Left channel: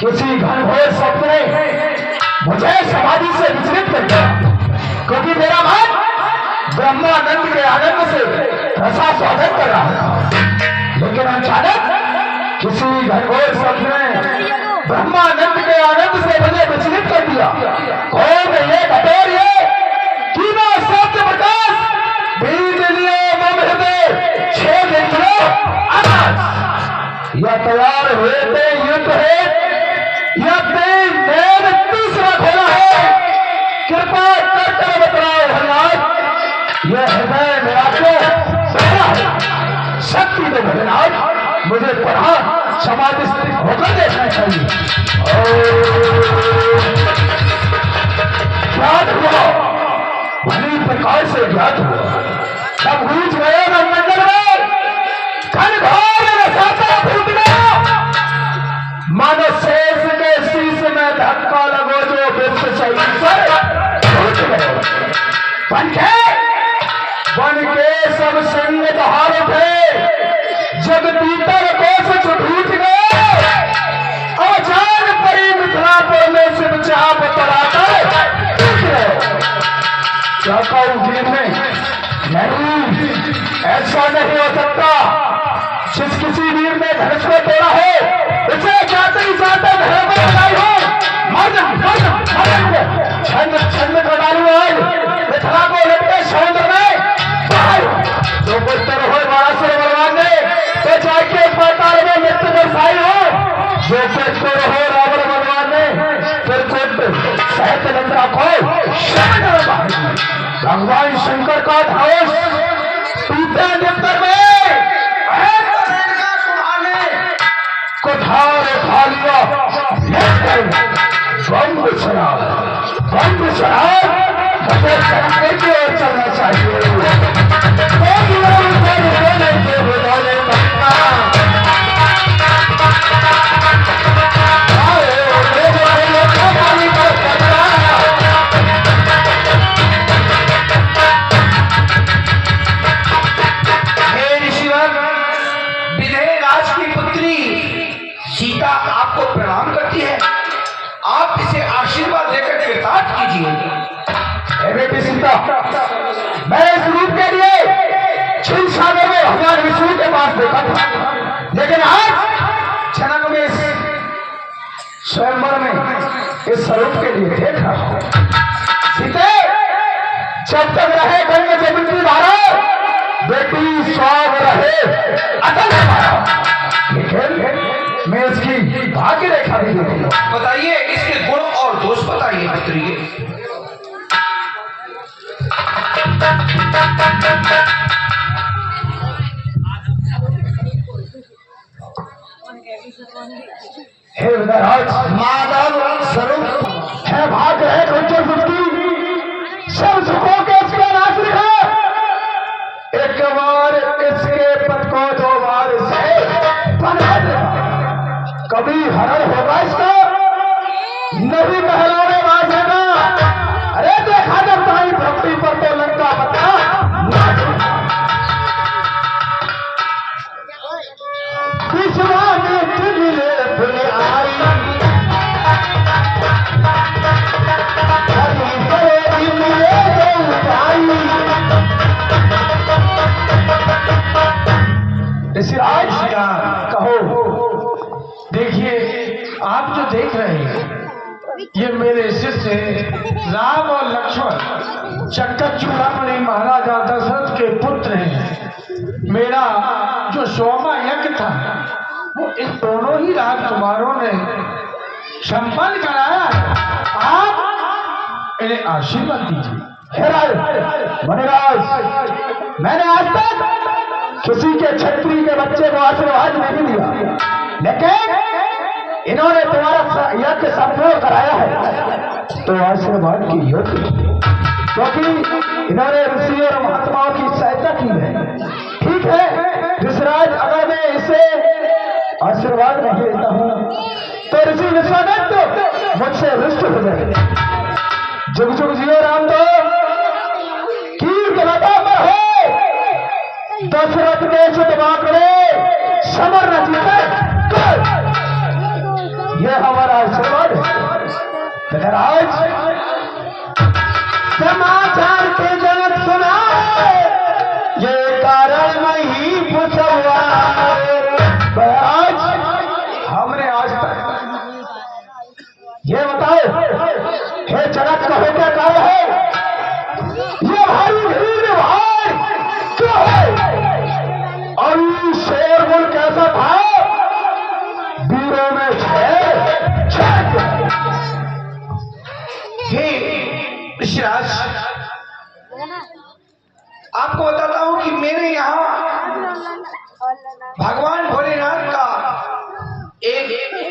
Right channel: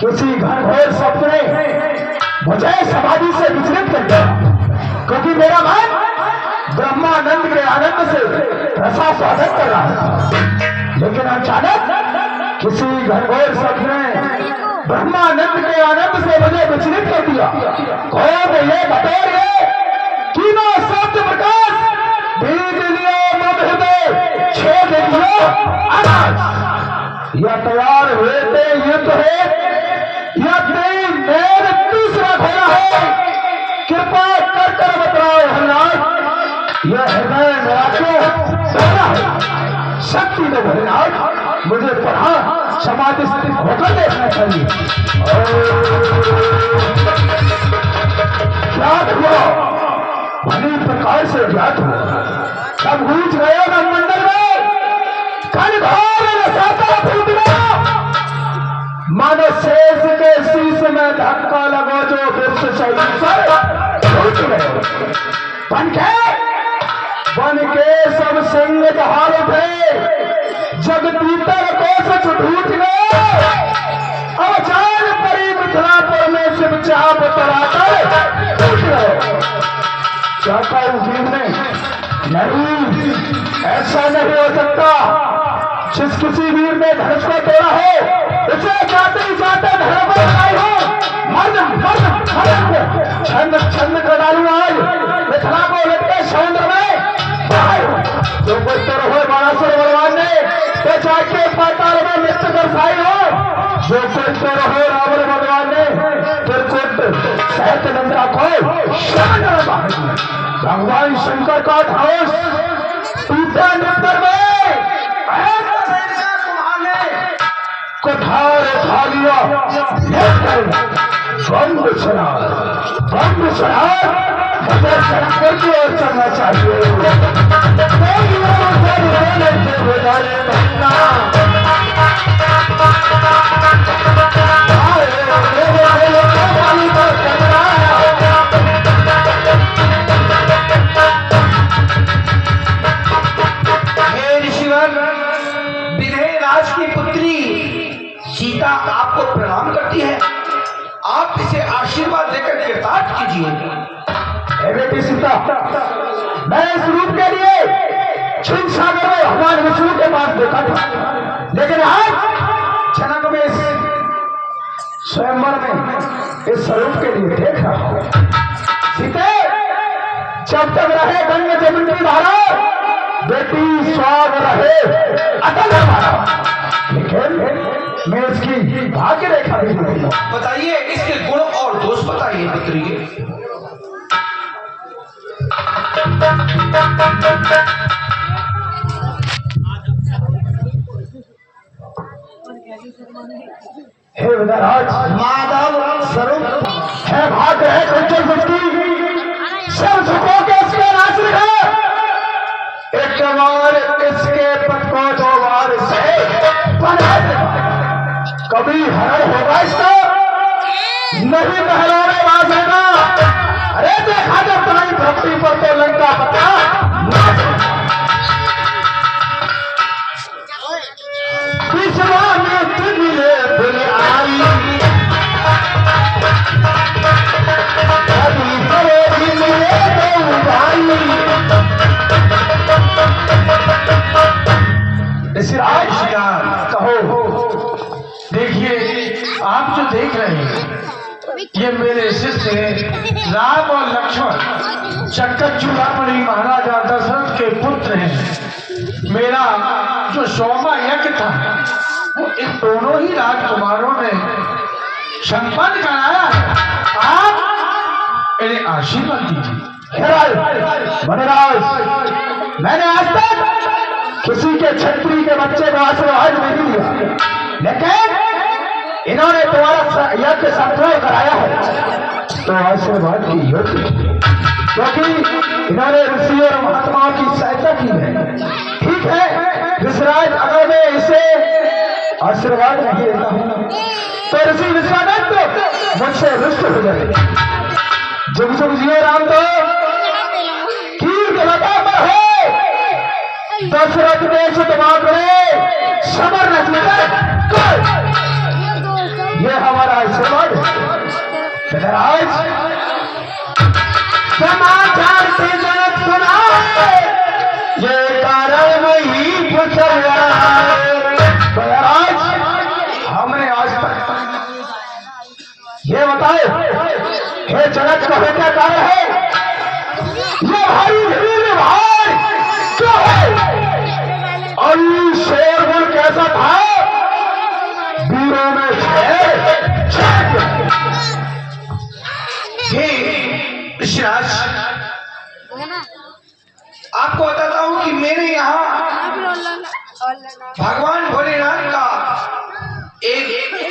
किसी घनघोर सपने मुझे समाधि से विचलित कर दिया, क्योंकि मेरा मन ब्रह्मानंद के आनंद से रसा स्वागत कर रहा था। लेकिन अचानक किसी घनघोर सपने ब्रह्मानंद के आनंद से मुझे विचलित कर दिया। कौन ये बतौर ये तीनों सत्य प्रकाश बीज लियो मम हृदय छेद लियो आकाश। यह तैयार हुए थे युद्ध है, यह तेज नैन तीसरा खोला है। कृपा कर बतलाओ हरिनाथ, यह हृदय मेरा क्यों शक्ति दो भोलेनाथ, मुझे पढ़ा समाधि स्थित होकर देखना चाहिए। ज्ञात हुआ भली प्रकार से ज्ञात हुआ, तब गूंज गए मंडल में घनघोर रसाता फूट गया। मानो शेष के शीश में धक्का लगो जो विश्व शरीर पर टूट गए। बन के सब संग बहार उठे, जग पीतर कोस छूट गए। अवचान परी मिथिलापुर में शिव चाप तराकर टूट गए। क्या कहूं वीर ने, नहीं ऐसा नहीं हो सकता। जिस किसी वीर ने धनुष को तोड़ा हो उसे जाते ही जाते धर्म पर लगाई हो। छंद छंद कर डालू आज मिथिला को लटके समुद्र में। जो कोई तर हो बाणासुर बलवान ने तो जाके पाताल में मृत्यु दर्शाई हो। जो कोई तर हो रावण बलवान ने फिर कुट सहत नंदा को भगवान शंकर का धनुष टूटा नितर में कुठार उठा लिया। बम शराब शंकर की ओर चलना चाहिए। विदेहराज की पुत्री सीता आपको प्रणाम करती है, आप इसे आशीर्वाद देकर कृतार्थ कीजिए। बेटी सीता, मैं इस रूप के लिए क्षीर सागर में भगवान विष्णु के पास देखा था, लेकिन आज जनक में इस स्वयंवर में इस स्वरूप के लिए देख रहा हूं। सीते, जब तक रहे गंग जमुनी धारा बेटी स्वाग रहे अटल हमारा। लेकिन मैं इसकी भाग्य रेखा भी देखूंगा। बताइए इसके गुण और दोष बताइए पुत्री के। हे विदराज, माधव स्वरूप है भाग रहे कंचन सृष्टि सब सुखों के इसके नाश रखा। एक बार इसके पद को दो बार से बना देगा। कभी हरण होगा इसका, नहीं महलों में बाजेगा। अरे देखा जब तुम्हारी भक्ति पर तो लंका पता विश्वा में मिले भूल आई। अभी करोड़ी मिले दो भाई। ऋषिराज कहो। देखिए, आप जो देख रहे हैं ये मेरे शिष्य राम और लक्ष्मण चक्कर चूड़ामणि महाराजा दशरथ के पुत्र हैं। मेरा जो सोमा यज्ञ था वो इन दोनों ही राजकुमारों ने संपन्न कराया है। आप इन्हें आशीर्वाद दीजिए। वनराज, मैंने आज तक किसी के छत्री के बच्चे को आशीर्वाद नहीं दिया, लेकिन इन्होंने तुम्हारा यज्ञ संपूर्ण कराया है तो आशीर्वाद की योग्य, क्योंकि इन्होंने ऋषि और महात्माओं की सहायता की है। ठीक है ऋषिराज, अगर मैं इसे आशीर्वाद नहीं देता हूं तो ऋषि विश्वामित्र मुझसे रुष्ट हो जाए। जुग जुग जियो राम दो, कीर्त लता पर हो, दशरथ देश दबा करे, समर न जीते ये हमारा आशीर्वाद है। आज समाचार से जनक सुना, ये कारण नहीं पूछा। आज हमने आज तक ये बताए, हे जनक का बेटा कारण है, ये भारी भीड़ भार क्यों है? और शोरगुल कैसा था? वीरों में ऋषिराज, आपको बताता हूं कि मेरे यहाँ भगवान भोलेनाथ का एक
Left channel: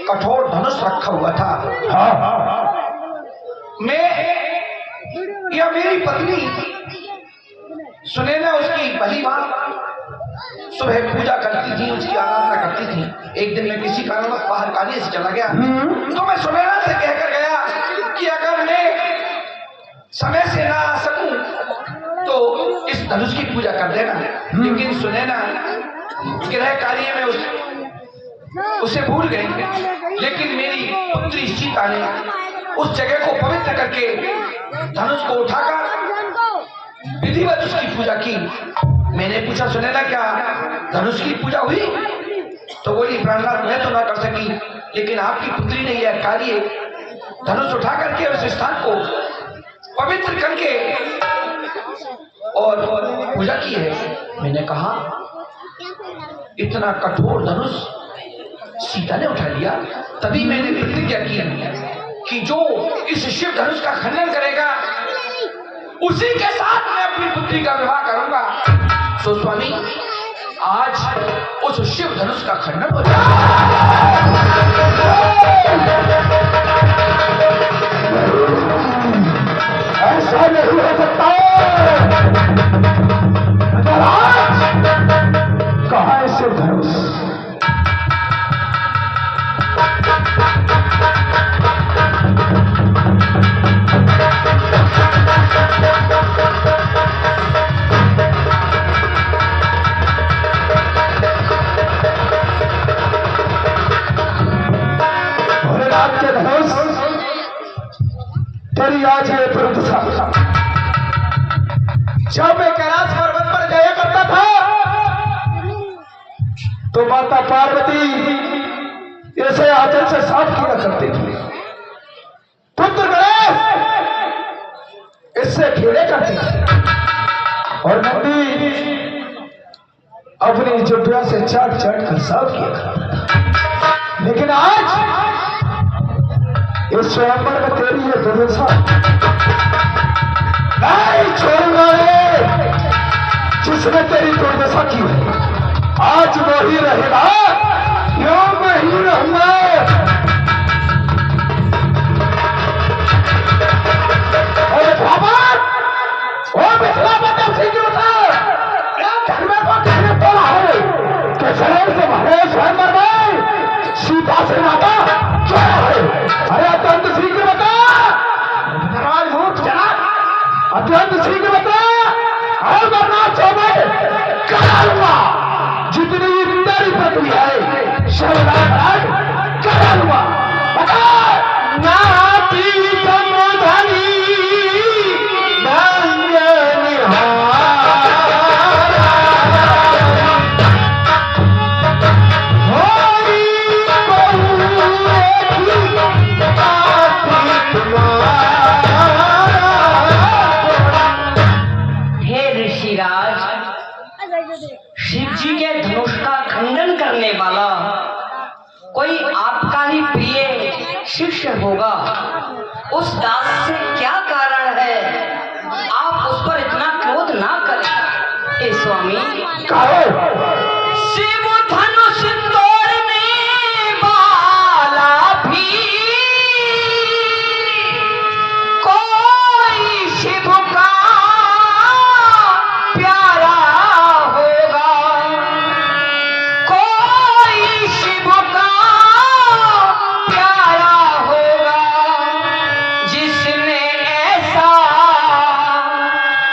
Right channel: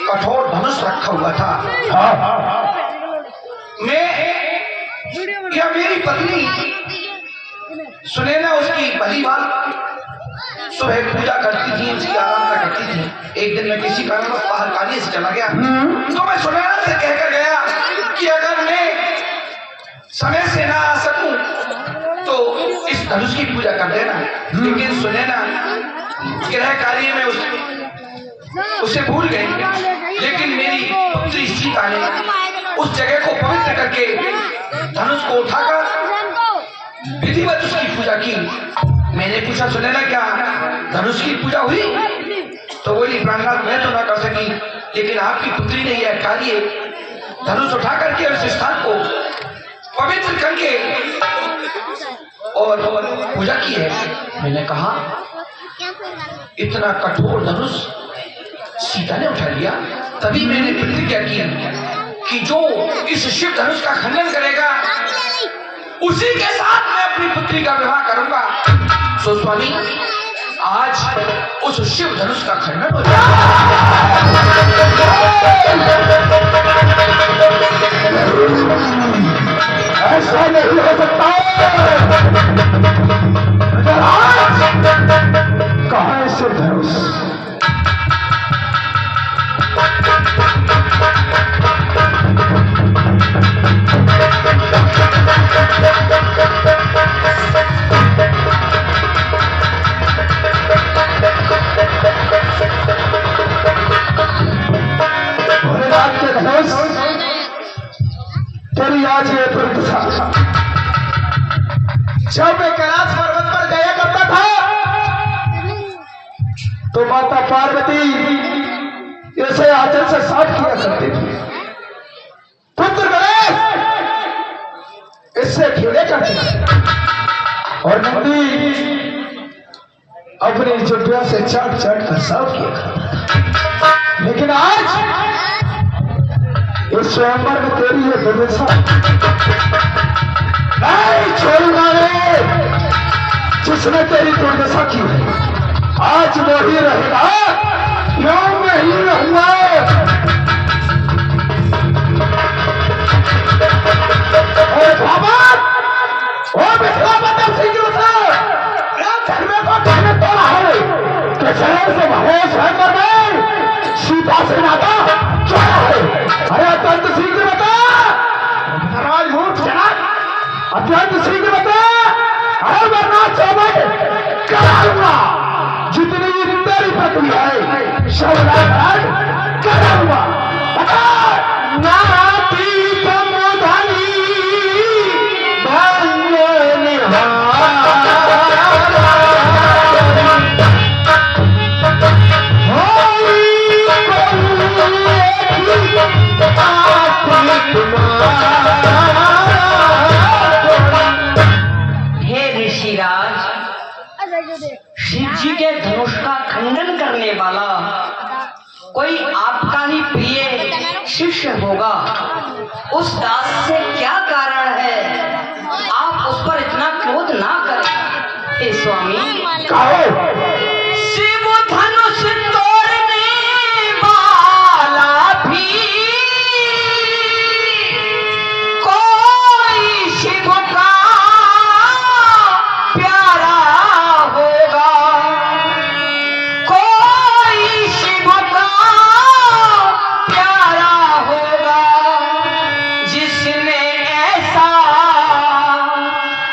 कठोर धनुष रखा हुआ था। मैं या मेरी पत्नी सुनैना उसकी भली बात सुबह पूजा करती थी, उसकी आराधना करती थी। एक दिन मैं किसी कारणवश बाहर कार्य से चला गया, तो मैं सुनैना से कहकर गया कि अगर मैं समय से ना आ सकूं तो इस धनुष की पूजा कर देना। लेकिन सुनैना गृह कार्य में उसे भूल गई। लेकिन मेरी पुत्री सीता ने उस जगह को पवित्र करके धनुष को उठाकर विधिवत उसकी पूजा की। मैंने पूछा, सुनैना क्या धनुष की पूजा हुई? तो बोली, प्राणनाथ मैं तो ना कर सकी, लेकिन आपकी पुत्री ने यह कार्य धनुष उठा करके उस स्थान को पवित्र करके और पूजा की है। मैंने कहा, इतना कठोर धनुष सीता ने उठा लिया। तभी मैंने प्रतिज्ञा की कि जो इस शिव धनुष का खंडन करेगा उसी के साथ मैं अपनी पुत्री का विवाह करूंगा। तो स्वामी, आज उस शिव धनुष का खंडन हो जाएगा। ऐसा नहीं हो सकता। कहाँ है शिव धनुष? भोलेनाथ के धनुष तेरी आज ये दुर्दशा। जब मैं कैलाश पर्वत पर जाया करता था तो माता पार्वती ऐसे आंचल से साफ किया करती थी। पुत्र गणेश इससे खेले करते थे और नंदी अपनी जुटिया से चाट चाट कर साफ किया करता। लेकिन आज इस स्वयंवर में तेरी ये दुर्दशा नहीं छोड़ूंगा रे। जिसने तेरी दुर्दशा की है आज वो ही रहेगा, यो मैं ही रहूंगा। बाबा ओ मिथिला बता शीघ्र से धर्म को कहने तोड़ा है कि शहर से भले स्वयंवर में सीता से नाता जोड़ा है। अरे अत्यंत शीघ्र बता राजमूर्ख जनक, अत्यंत शीघ्र बता। अरे वरना चौबे कराऊंगा। जितनी तेरी प्रक्रिया है शवराज कराऊंगा। बता नाती कमोधनी धन्य निहार शिव जी के धनुष का खंडन करने वाला कोई आपका ही प्रिय शिष्य होगा। उस दास से क्या कारण है? आप उस पर इतना क्रोध ना करें। हे स्वामी, शिव धनुष तोड़ने वाला भी कोई शिव का प्यारा होगा, कोई शिव का प्यारा होगा, जिसने ऐसा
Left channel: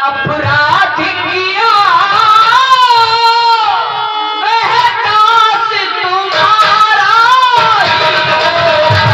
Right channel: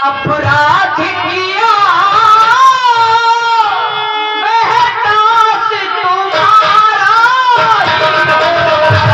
अपराध किया वह दास तुम्हारा ही होगा।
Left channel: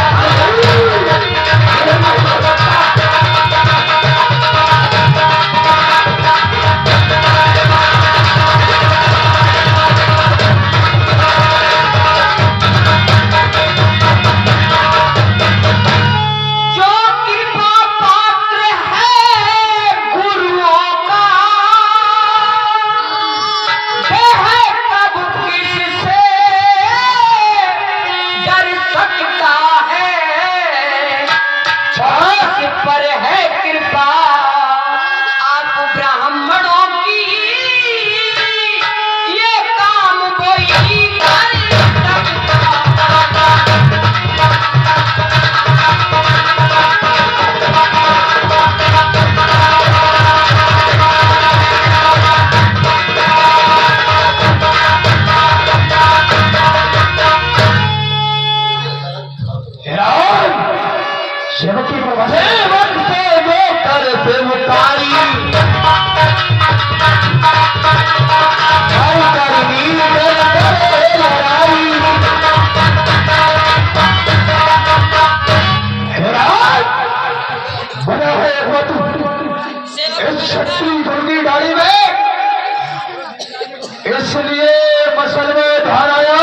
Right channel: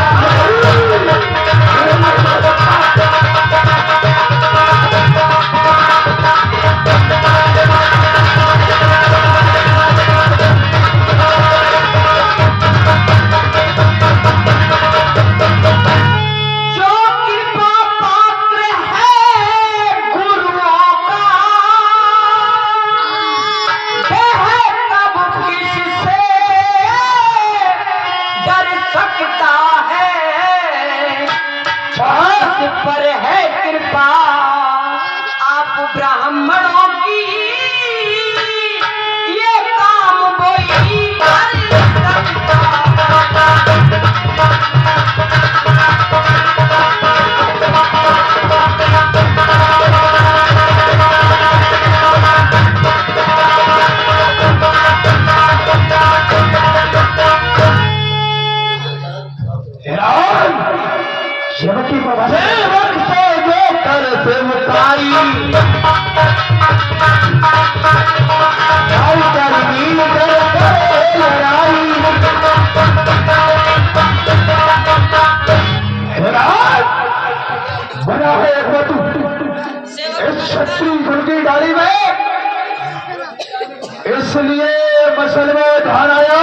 इसलिए मसलवे धाराया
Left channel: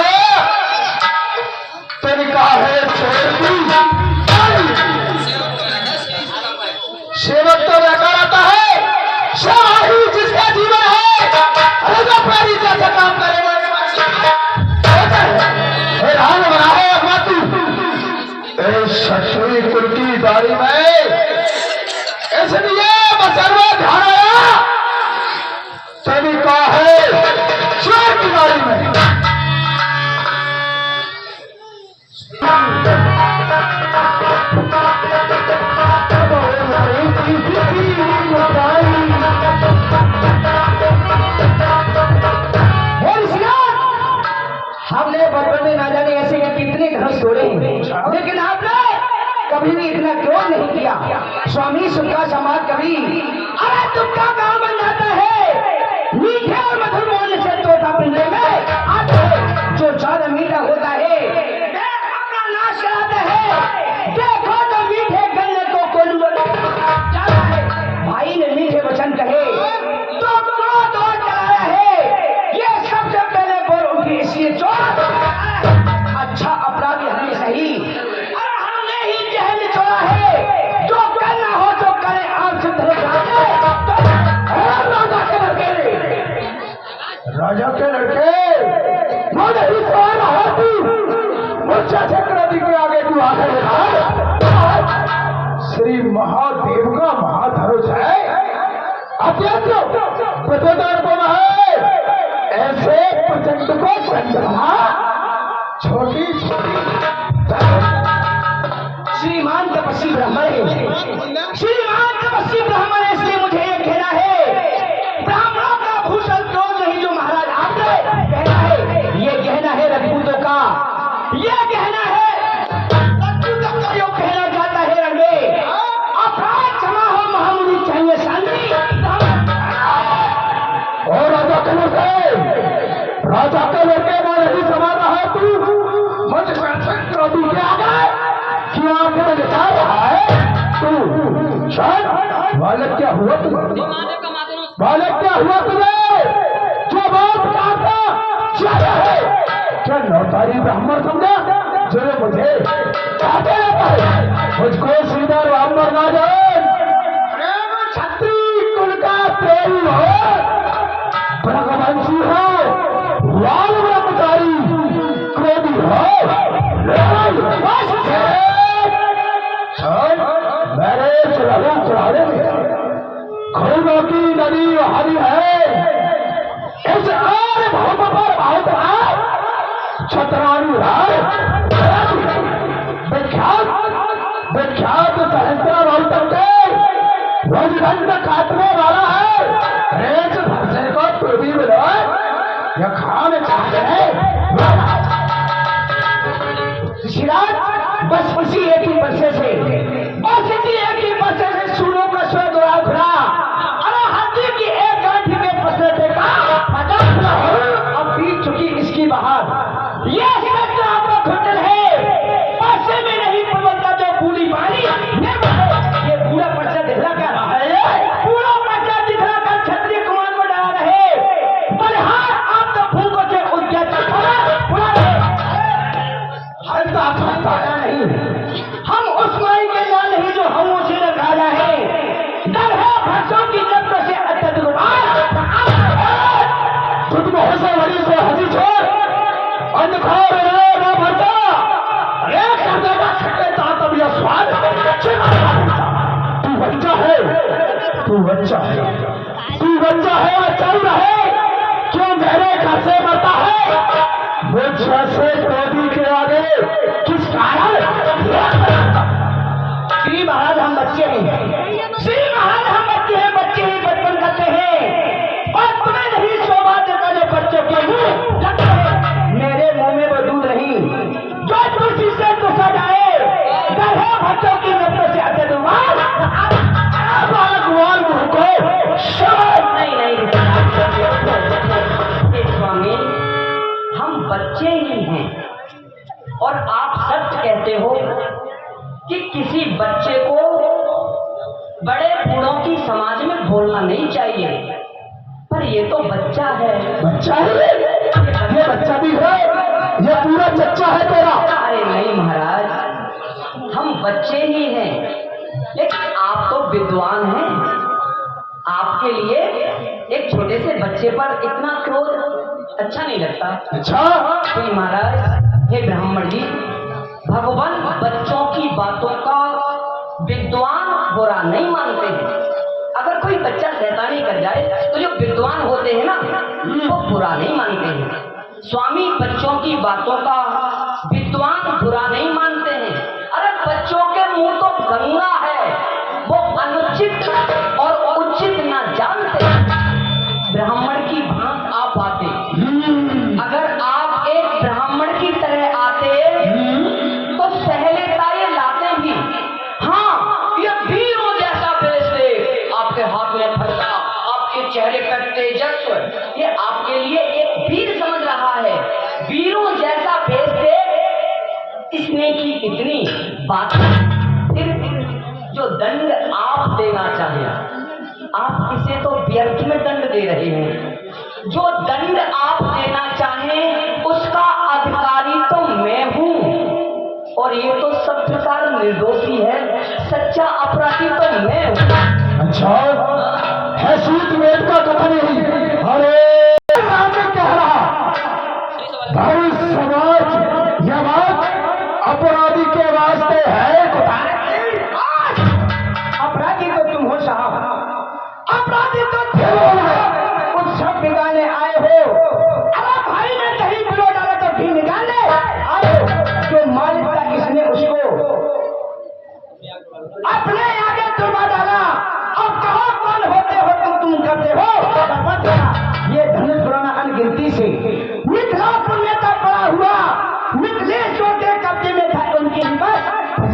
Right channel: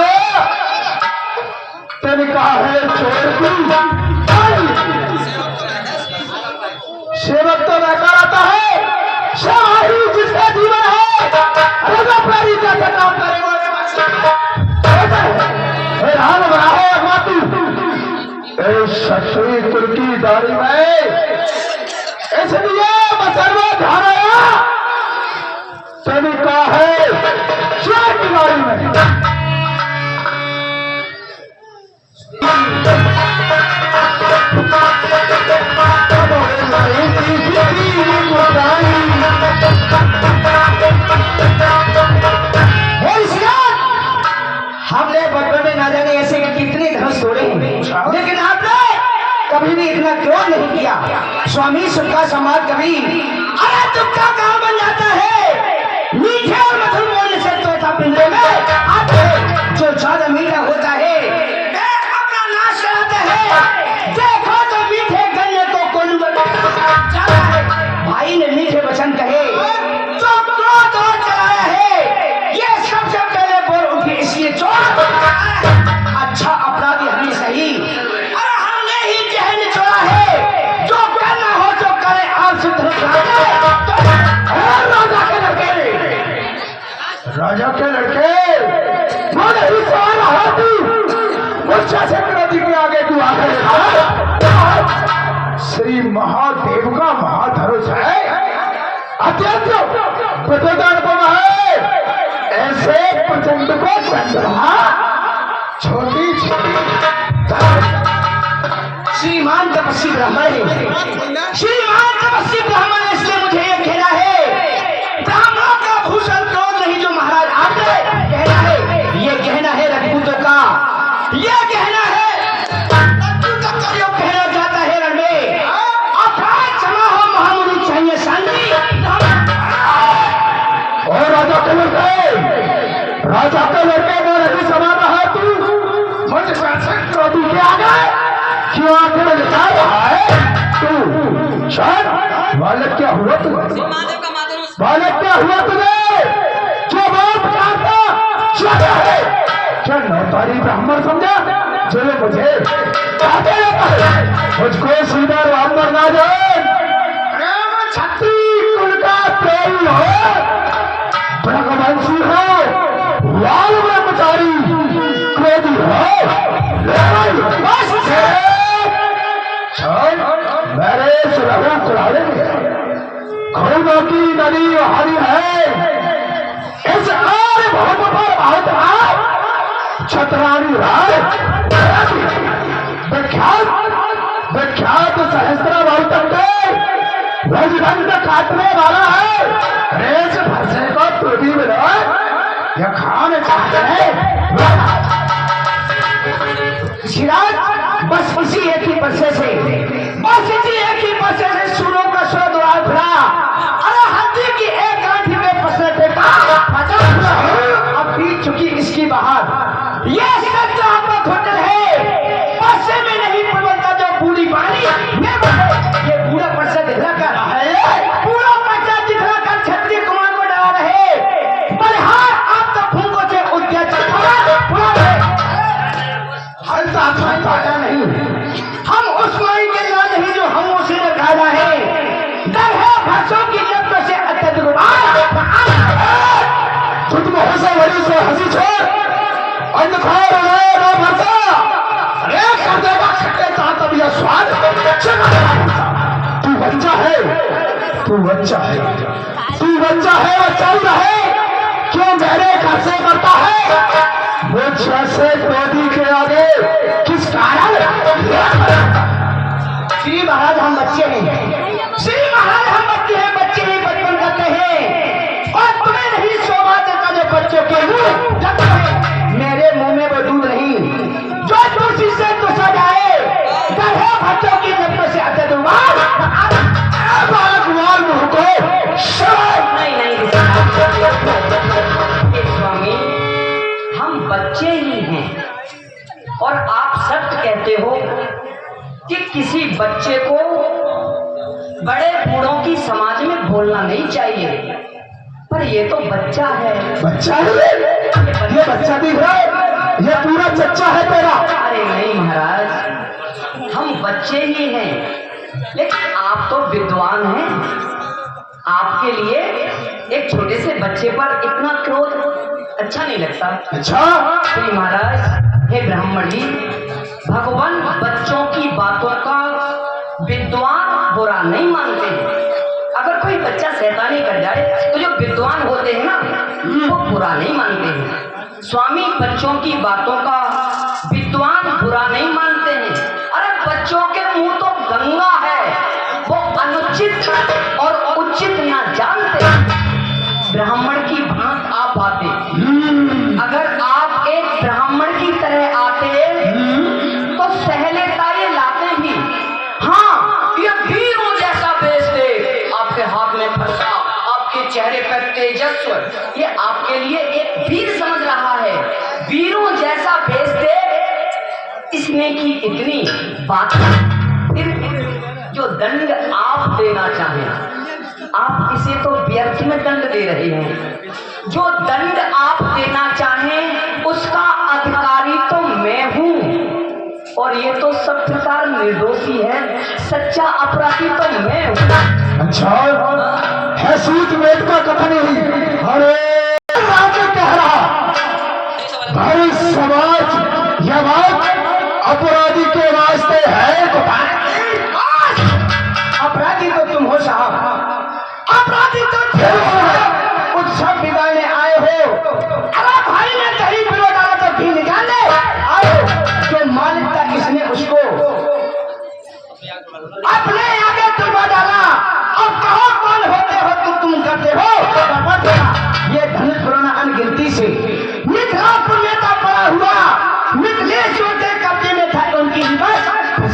तिनका है छोड़ सेवक तो बेकार आता है, शाही जिसका जीवन है प्राणी का काम करे राम बनाओ अगवाती शत्री कुल की दाढ़ी में, इसलिए मसलवा धाराया तिनका है चोर की दाढ़ी में। हमने बचपन में ना जाने ऐसे कितने धनुष तोड़े हैं, लेकिन आपने कभी भी इतना क्रोध नहीं किया। स्वामी सुखा समाज कभी अरे दुखा कहाँ बन जाता है, मीठे और मधुर बोलने से तोता पिंजरे में आते, जो ज्यादा मीठा होता है अपना नाश कराता है। देखो तो मीठे गन्ने को कोल्हू जाता है, भाई ने मीठे वचन कहे तो क्रोध और चलाया है, ये सबसे पहले बोल उठी इसलिए चोर। अच्छा अपराधी हमने सही, अरे हमने ही जहन छोड़ा है, जो करना हो तो करे आप शुद्ध राजा के लड़के मन ही सवार रहा तू मुझसे से क्रोधी के आगे क्यों आगे श्री महादेव का महाधनुष है, अत्यंत प्रतिदान है, ऐसे प्रचंड को चंद्रमा छोटी छोटी श्रीमान तपस्वी ब्राह्मण है, श्रीमान तपस्वी ब्राह्मण है, इसलिए मुझे यह कहना है ब्राह्मणों का भूषण क्रोध नहीं जो महाराज आपने कहना है, ये कहना है रजपूतों का, ये कहना है रजपूतों का, जो कहना जाता है रण में अपराध क्षमा हो महामुरु चाहिए शांति। और राजा के लड़के मारे ही समा रहा है तू मुझ क्रोधी के आगे क्यों आंखें निकाल रहा है तू? शायद बालक क्या हुआ तुझे, बालक क्या हुआ तुझे, जो बात चाहता क्या है, क्या नौतारी ब्राह्मण समझा जो मुझे कहते रहता है, मुझको सीधा ब्राह्मण ना जाए, छत्री कुल का प्रेमी हो, भगवंशी हो, लाल ब्रह्मचारी क्रोधी हो, मेरे सुरहु कुराने खूनों की नदी बहारी है, इस आर्य भौम पर बहुत छतरानी राय विख्यात विख्यात सहस्त्रा बहुतक रजगंध काटने वाला है, रेस भरसे को टूटी मिलो या खाने चाहते हैं बस उसी एक ही बस्से से, बस इसी एक ही बस्से से सूरों का स्वर दुराल फिरा, अरे हड्डी की एक गांठी में पसरे फेंका, अब बीत चुकी इसकी बहार, ये सत्य आपका घोटल है, बस्से में नहीं पलता जो बूढ़ी पानी, ये पूरा पर्चा दिखला कर रहा है, पूरा पर्चा दिखला कर क्षत्रिय कुमार को डरा रहे, पर हाँ आप तो फूंकों से उद्या चलता नहीं, हम उस माई के ना नहीं जो हम उसे नकारा है, डर है भरसों की नब्बों से अत्यधिक तुम हंसा वही से हंसी छोड़ अंधकार ना भरसा, अरे कर देगा खट्टे तात अब यह स्वाद, तू बच्चा है, तू बच्चा है, तू बच्चा है और चल रहे क्यों मेरे घर से करता है, मुझ जैसे क्रोधी के आगे किस कारण? श्री महाराज हम बच्चे हैं, श्री महाराज हम बच्चे हैं, बच्चे ही बचपन करते हैं, और तुम्हें नहीं शोभा देता जो बच्चों के मुंह लगते हैं, मेरे मुंह में वो दूध नहीं जो तुलसी से तुसा जाए, डर है बच्चों की नब्बों से अत्यधिक मुंह को नहीं स्वामी, हम बच्चे ही हैं, और आप सत्य कहते हो कि किसी बच्चे को बड़े बूढ़ों की समाज में बोलना नहीं चाहिए, पर ये तो बच्चा है। बच्चा है ये बच्चा दिख रहा है, ये पूरा चच्चा है तेरा। अरे नहीं महाराज, हम बच्चे ही हैं, लेकिन आप तो विद्वान हैं। आपके लिए एक छोटे से बच्चे पर इतना क्रोध अच्छा नहीं लगता। अच्छा श्री महाराज, हे ब्राह्मण जी, भगवान बच्चों की बातों का विद्वान बुरा नहीं मानते हैं। अगर कोई बच्चा शैतानी कर जाए तो जो विद्वान होते हैं ना, वो बुरा नहीं मानते हैं। स्वामी बच्चों की बातों का विद्वान बुरा नहीं मानते हैं। अरे बच्चों के मुंह तो गंगा है, वो अनुचित और उचित ना जानते। ब्राह्मण की भांत आप आते, अगर आप एक ब्राह्मण की तरह आते तो सहलेता ये लाते भी। हाँ, ये वीरों जैसा बेच दे, आपके हाथ में फरसा, आपके चेहरे पर तेजस्व, ये आपके लिए एक वीर समझ रहा है। वीरों जैसा बेच दे, इसने की इतनी बात। फिर जो दंड आप देना चाहें, आप इसे तो व्यर्थ में दंड दे रहे हैं। जो दंड आप देना चाहें उसका अधिकारी तो मैं हूं, और ये तो सब प्रकार निर्दोषी है, सच्चा अपराधी तो मैं हूं। अच्छा है सूत वेद का कथन ही। अरे राजा कह रहा भाई समाज यह बात अपराधी के वास्ते है। अपराधी तो तुम हो साहब, अपराधी तो तुम हो। उत्सव बिगाड़ने आए हो। अरे भाई ने दही पिलो डाला तो घी निकाल दे। आओ, जो मालिक था किसने उसको अपने आगे तुरवा डाला। अब कहो कौन होते हो तुम करते हो बर्बाद होना। ये धनुष पुराना अनगिनती से मिथिलापुर नेता पड़ा हुआ, मिथिलेश्वर के कब्जे में था, उनकी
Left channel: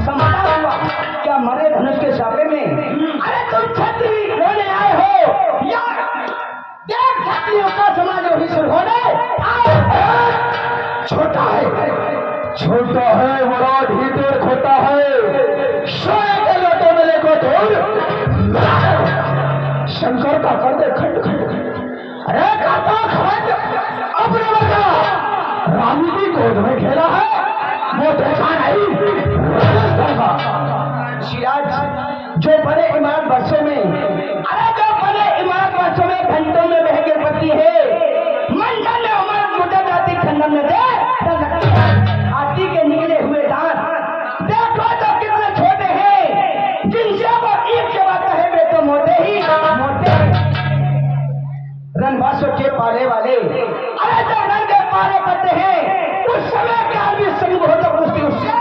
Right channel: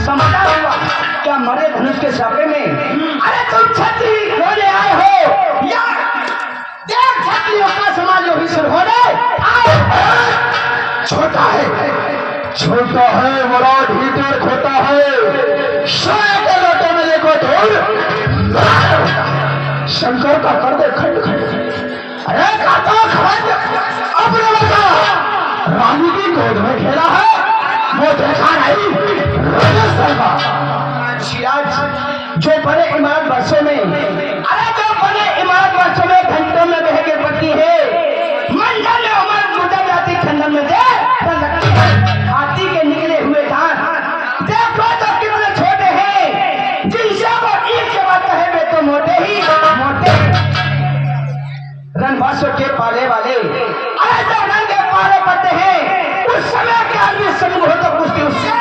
समझा हुआ क्या मरे धनुष के सापे में। अरे तुम छत्री होने आए हो या देख छत्रियों का समाज जो हिस्सा होने छोटा है बड़ा ढीठर खोटा है। सोए के लोटे में देखो धूल शंकर का कर दे खंड खंड। अरे काका खंड अपने बता रानी की गोद में खेला है, वो देखा नहीं राजस्थान का सिराज जो बड़े इमारत वर्षों में, अरे जो बड़े इमारत वर्षों में घंटों में बह के पड़ती है, मंडल में उमर गुजर जाती खंडन में दे लगती है। हाथी के निकले हुए दांत देखो तो कितने छोटे हैं, जिनसे वो ईद के बाद कहे वे तो मोटे ही मोटे। रणवासों के पाले वाले, अरे जो रण के पाले पड़ते हैं, उस समय के आदमी संग हो तो कुश्ती उससे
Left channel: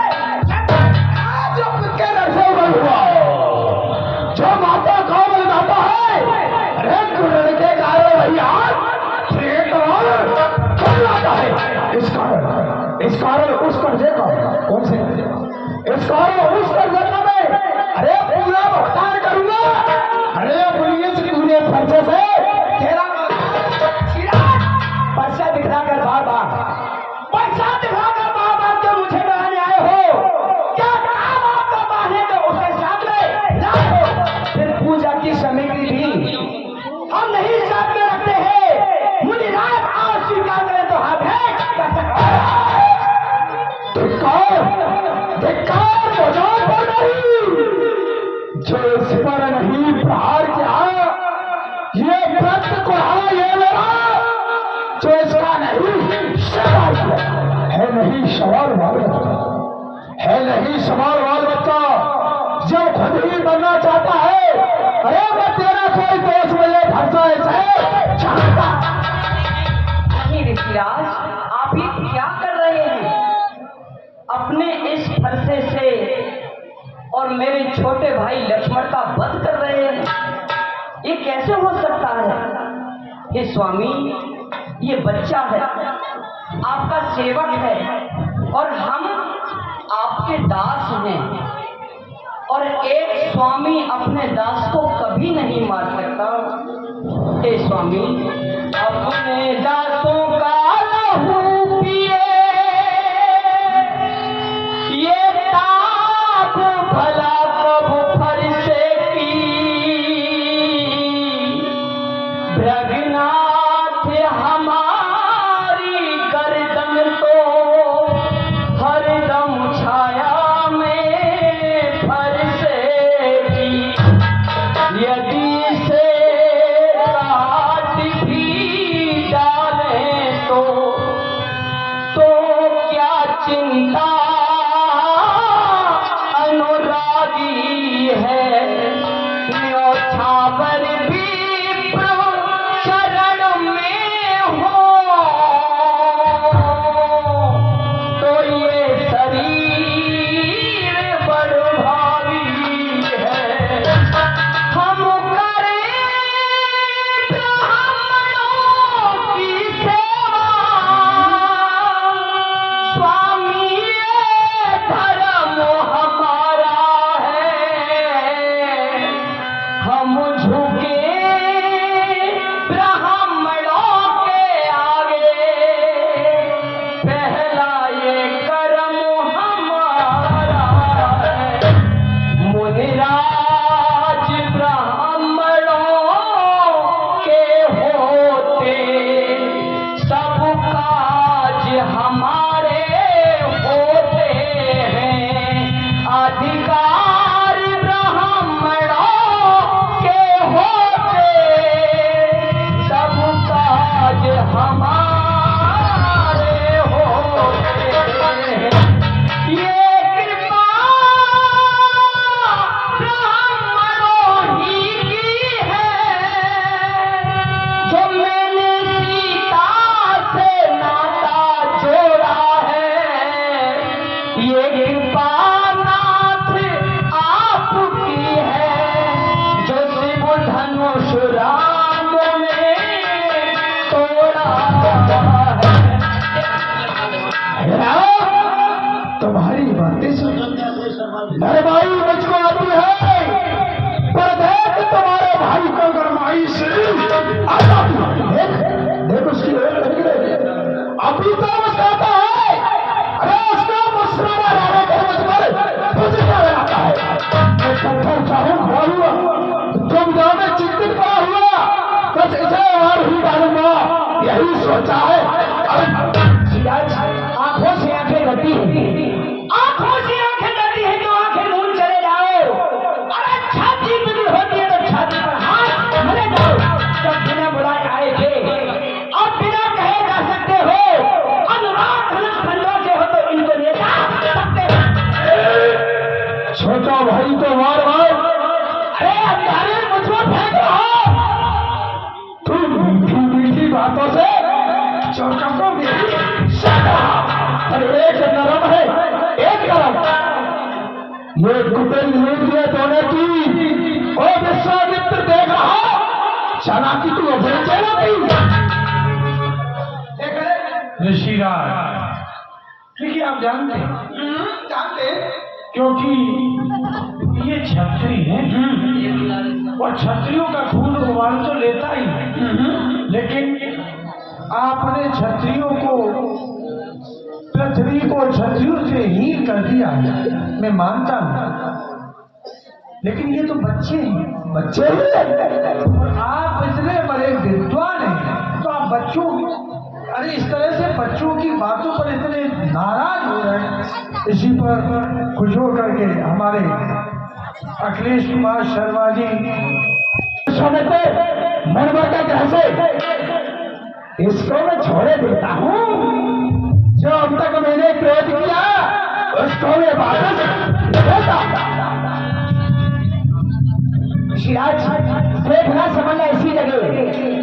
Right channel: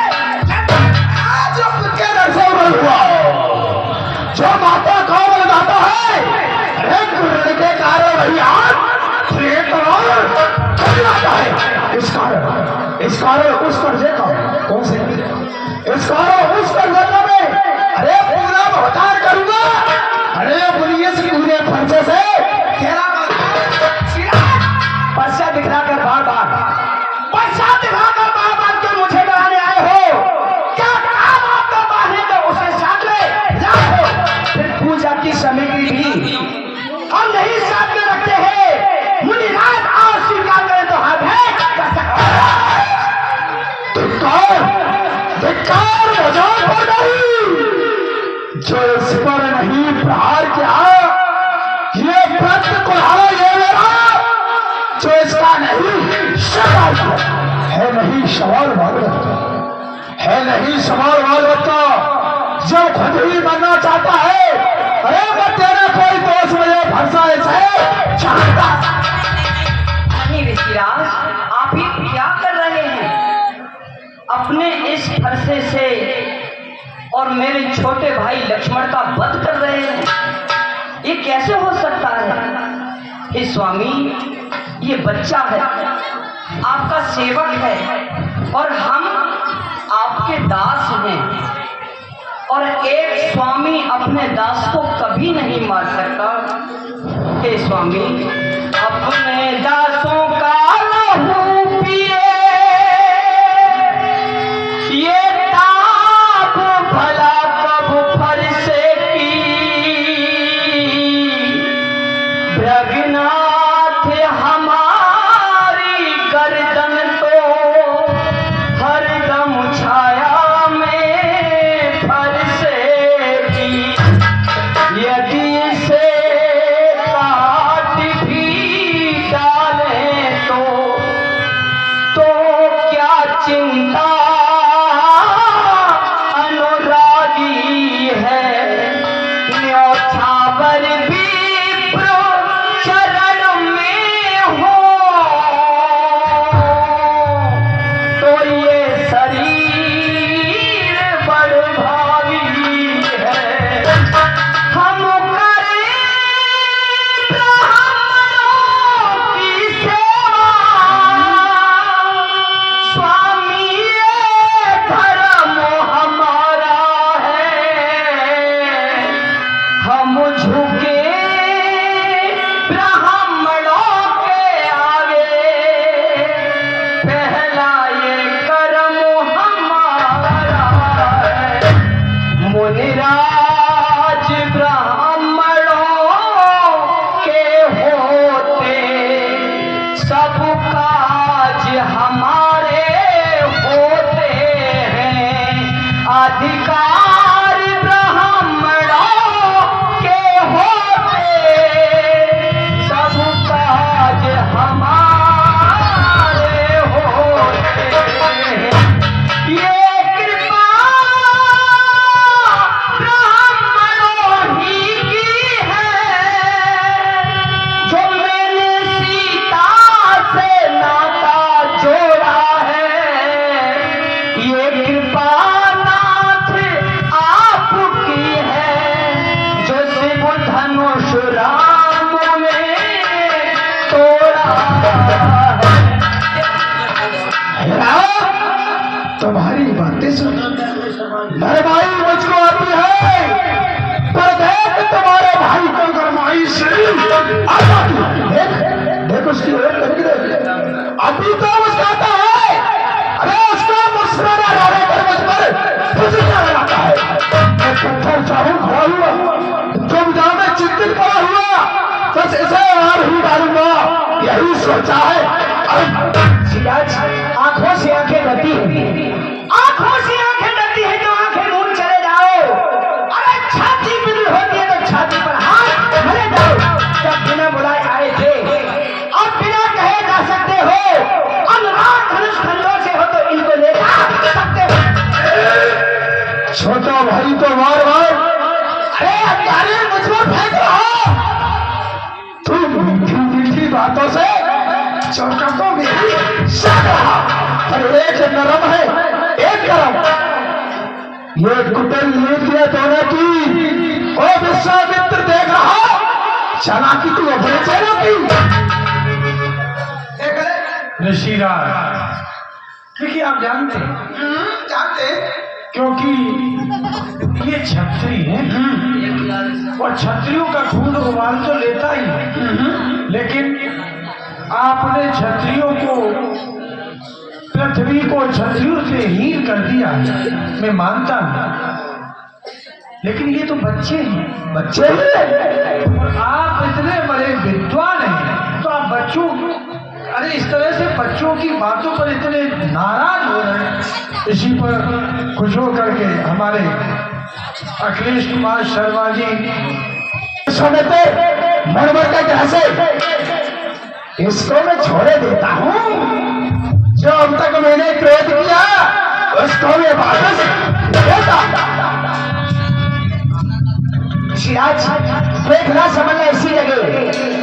हुआ जो माता कौन लगाता है। अरे गुरण के कारण वही लाता है। इस कारण उस कर्जे का कौन से इस कारण उस कर्जे का मैं अरे पूरा भुगतान करूंगा। अरे पुलिस पूरे खर्चे से तेरा पर्चा दिखलाकर बार बार पर्चा दिखलाकर बार बार जो मुझे डराने आए हो, क्या काम आपका बांधने को उसके साथ में लाओ। फिर पूजा की सामग्री भी हम नहीं साथ में रखते हैं। मुनि रात आओ स्वीकार करें तो हाथ है धिक्कार मजाक पर नहीं। जो इस पर नहीं प्रहार किया ये व्रत कुल्हाड़ा ये मेरा, जो इसका नहीं सवाल है नहीं सवाल है नहीं सवाल वाल बच्चा जब खुद ही बनना चाहता है। अरे मैं तेरा कोई दोस्त मुझे फंसा ऐसे चाहता नहीं ऋषिराज, आप ये क्या कर रहे हैं? अपने इस फरसे से और मेरे छोटे भाई लक्ष्मण का वध कर रहे हैं, ये कैसे हो सकता है? हे स्वामी, ये बच्चा है, आपका सेवक है और हम आपके दास हैं, और एक स्वामी अपने दास को कभी नहीं मार सकता। हे स्वामी, अपने दासों का लहू पिए, ये ताप भला कब फरसे की भ्रगना बस इसे और ही डालूंगा, यही सोचा है। सिराज, आंखों से आंखें डरती है, आंखों से आंखें डरती है तो आंखें मूंद चले जाओ। अरे छाती बिगड़ होती है तो छाती पर हाथ भरे जाओ। जब बिना बुलाए आए थे और बिना कहे जा सकते हो, अनुराग धनुष खंडों से हो तो इनको ले जा सकते हो। छोटा भाई तो मार मार, अरे अंगारे मुझ पर फेंक रहो। तुम मीठी मीठी बातों से छोटा को मेरी शक्ल, और एक नरम है एक गरम। ये कुटिल नीति है दोनों की। ओ विश्वामित्र देख रहा, चालाकी तू अपने चेहरा की। ऋषिराज, देखिए आप जानते हैं, जानते हैं? क्योंकि ये क्षत्रिय हैं और क्षत्रियों का खून उबाल तो लेता ही है, लेकिन आपने क्षत्रियों को, पृथ्वी को क्षत्रियों से हीन कर दिया, मैं मानता हूं, लेकिन ये तो बच्चे हैं, बच्चे हैं। और आप इतने बड़े विद्वान हैं, तो आप बच्चों, अरे इस तरह से बच्चों की बातों पर इतने नाराज हो रहे हैं। इसी पर खुश हो करके हमारे अखिलेश कुमार शर्मा जी समय पे मरमर का ग्रह से इसको मैं छोड़े देता हूँ। जो अब तक मैंने क्रोध किया उसको मैं वापस देता। सिराज, देखना समझना इसी जगह,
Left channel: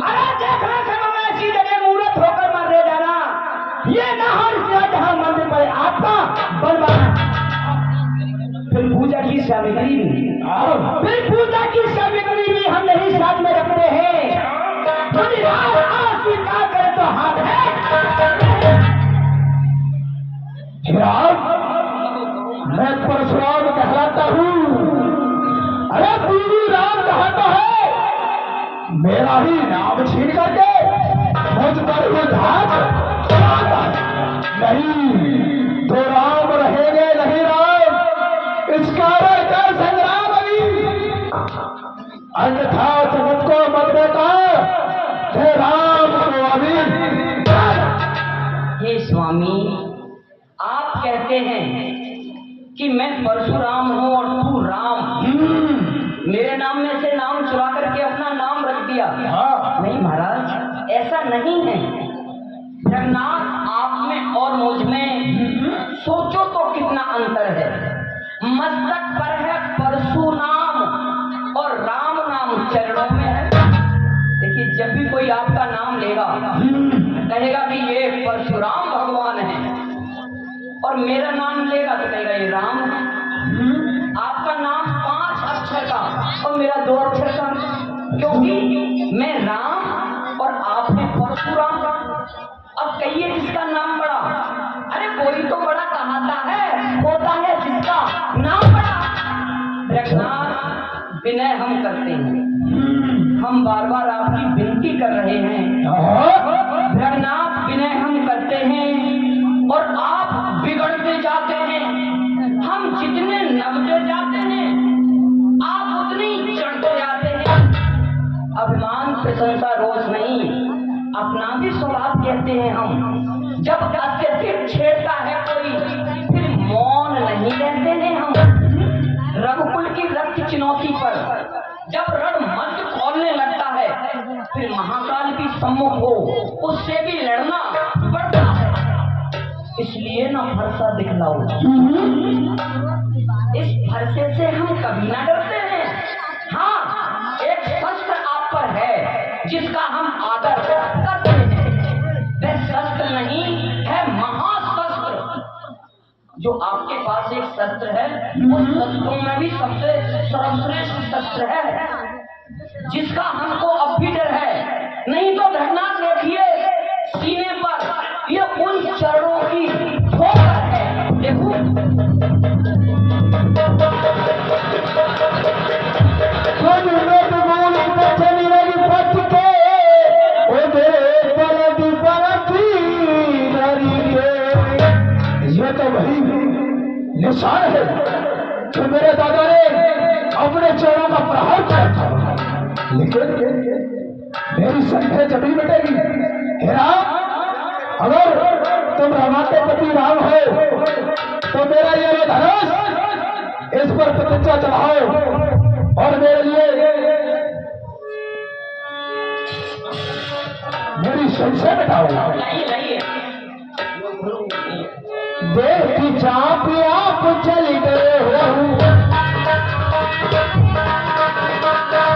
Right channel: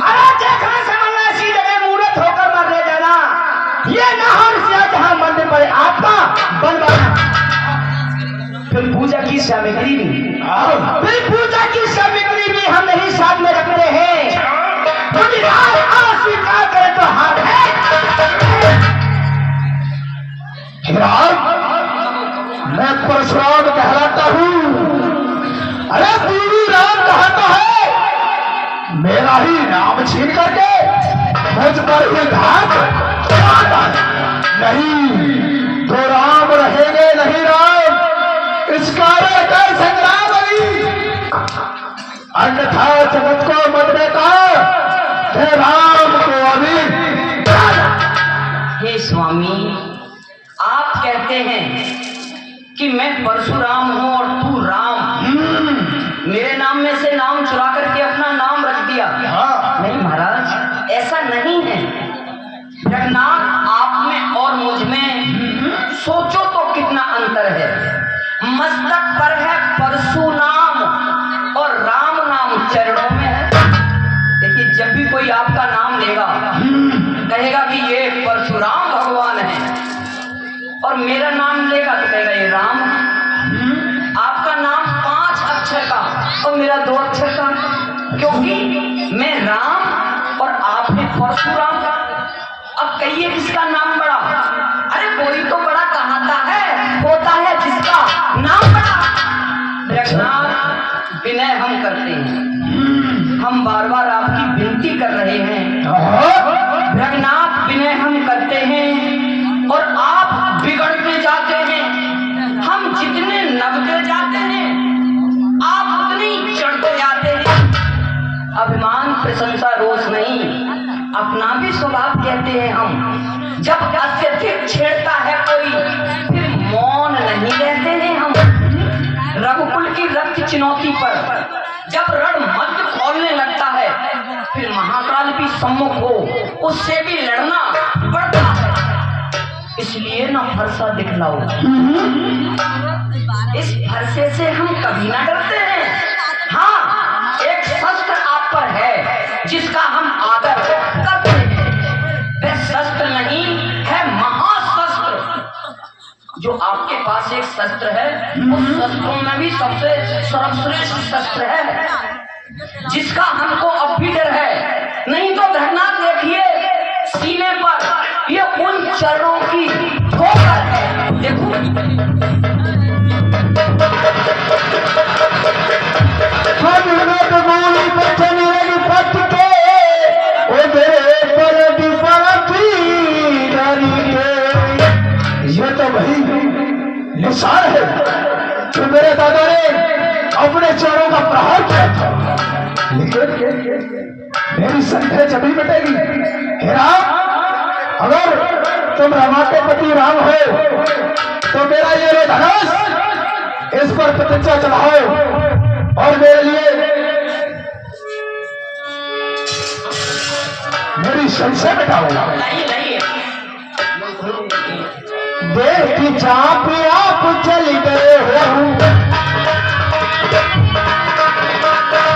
अरे देखना समझना इसी जगह मूर्त होकर मरने जाना, ये ना हो सिराज जहां मंदिर पर आपका बनवाना। फिर पूजा की सामग्री भी, फिर पूजा की सामग्री भी हम नहीं साथ में रखते हैं। अस्वीकार करें तो हाथ है। मैं परशुराम कहलाता हूँ। अरे पूरी राम कहता है, मेरा ही नाम छीन करके मुझ पर ही घात चलाता है। नहीं तो राम रहेंगे नहीं राम, इस कारण का संग्राम अभी, अन्यथा जगत को मत देता है राम को अभी। हे स्वामी, आप कहते हैं कि मैं परशुराम हूं और तू राम। मेरे नाम में से नाम चुरा करके अपना नाम रख दिया। नहीं महाराज, ऐसा नहीं है। जगन्नाथ, आप में और मुझ में सोचो तो कितना अंतर है। मस्तक पर है परशु नाम और राम नाम चरणों में है। देखिए, जब भी कोई आपका नाम लेगा कहेगा कि ये परशुराम भगवान है, और मेरा नाम लेगा तो कहेगा ये राम है। आपका नाम 5 अक्षर का और मेरा 2 अक्षर का, क्योंकि मैं राम और आपने परशुराम का। अब कहिए किसका नाम बड़ा? अरे कोई तो बड़ा कहाता है, होता है जिसका नाम बड़ा। जगन्नाथ, विनय हम करते हैं, हम बार बार आपकी विनती कर रहे हैं। जगन्नाथ, विनय हम करते हैं और आप बिगड़ते जाते हैं। हम जितने नबते जाते हैं आप उतने ही चढ़ते जाते हैं। अभिमान, प्रशंसा, रोष नहीं, अपना भी स्वभाव कहते हैं हम। जब अत्यधिक छेड़ता है कोई, फिर मौन नहीं रहते हैं हम। रघुकुल की रक्त चुनौती पर जब रण मध्य खोलने लगता है, फिर महाकाल भी सम्मुख हो, उससे भी लड़ना पड़ता है। इसलिए ना फरसा दिखलाओ। इस फरसे से हम कभी ना डरते हैं। हाँ, एक शस्त्र आप पर है जिसका हम आदर करते हैं। वह शस्त्र नहीं है, महाशस्त्र। जो आपके पास एक शस्त्र है, उस शस्त्रों में भी सबसे सर्वश्रेष्ठ शस्त्र है, जिसका हमको अब भी डर है। नहीं तो धरना देखिए, सीने पर ये उन चरणों की ठोकर है। देखो, ये तो वही निशान है कि मेरे दादा ने अपने चरणों का प्रहार किया था। लेकिन मेरी संख्या जमी मिटेगी। हे राम, अगर तुम रमा के पति राम हो तो मेरा ये लो धनुष, इस पर प्रतिज्ञा चढ़ाओ और मेरे लिए मेरी संशय मिटाओ। लाइए लाइए। देख की चाप आप चल गए हो,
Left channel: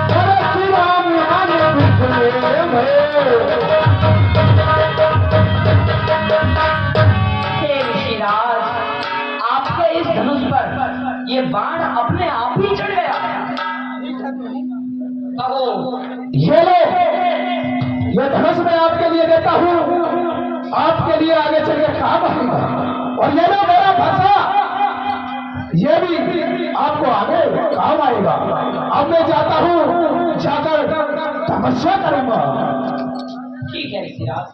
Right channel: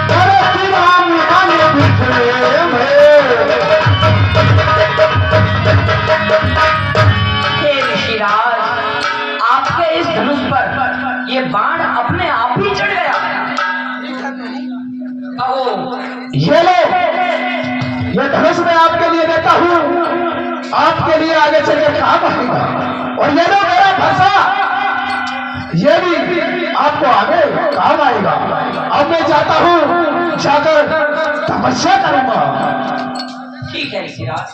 भरत राम मन बिखरे में। हे ऋषिराज, आपके इस धनुष पर ये बाण अपने आप ही चढ़ गया। कहो ये लो, ये धनुष मैं आपके लिए देता हूँ, आपके लिए आगे चलकर काम आएगा। और ये लो मेरा फंसा, ये भी आपको आगे काम आएगा। अब मैं जाता हूँ, जाकर तपस्या करूंगा। ठीक है ऋषिराज।